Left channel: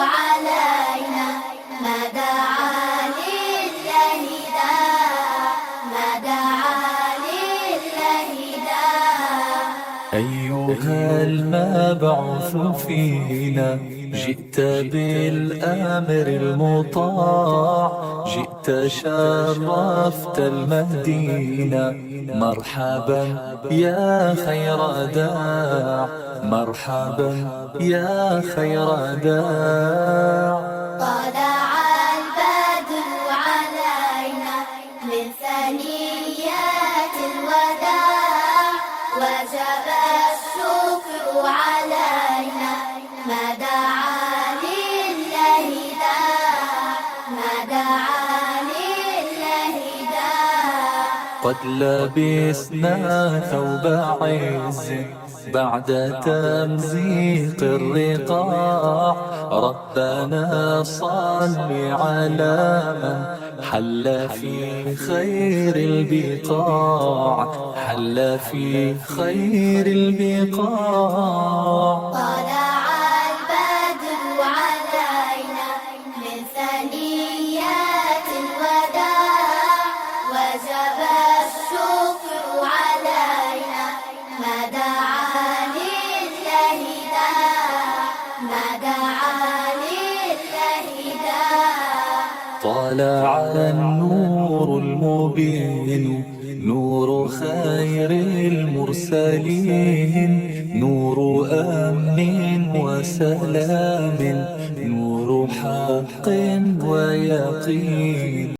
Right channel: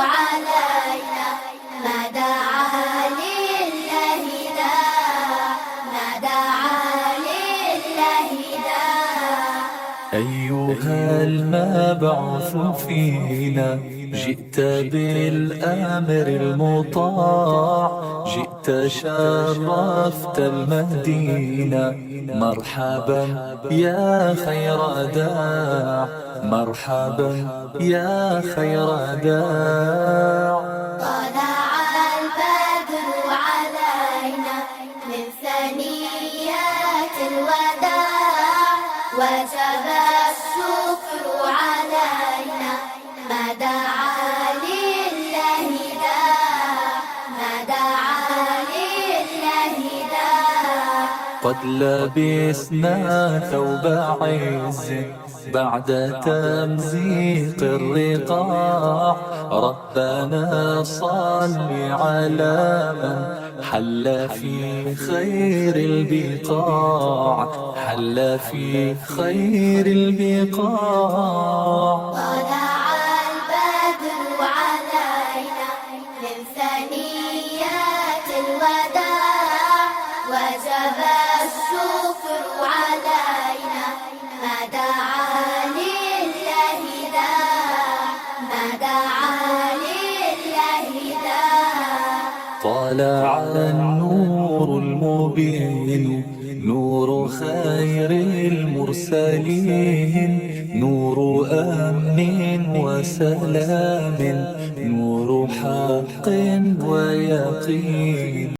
علينا ما دعا لله داع، ما دعا لله داع. أيها المبعوث فينا جئت بالأمر المطاع، جئت شرفت المدينة، مرحبا يا خير داع، مرحبا يا خير داع. طلع البدر علينا من ثنيات الوداع، وجب الشكر علينا ما دعا لله داع، ما دعا لله داع. قد لبسنا ثوب عز بعد تمزيق الرقاع، ربنا صل على من حل في خير البقاع، حل في خير البقاع. طلع البدر علينا من ثنيات الوداع، وجب الشكر علينا ما دعا لله داع، ما دعا لله داع. طلع النور المبين، نور خير المرسلين، نور أمن وسلام، نور حق ويقين.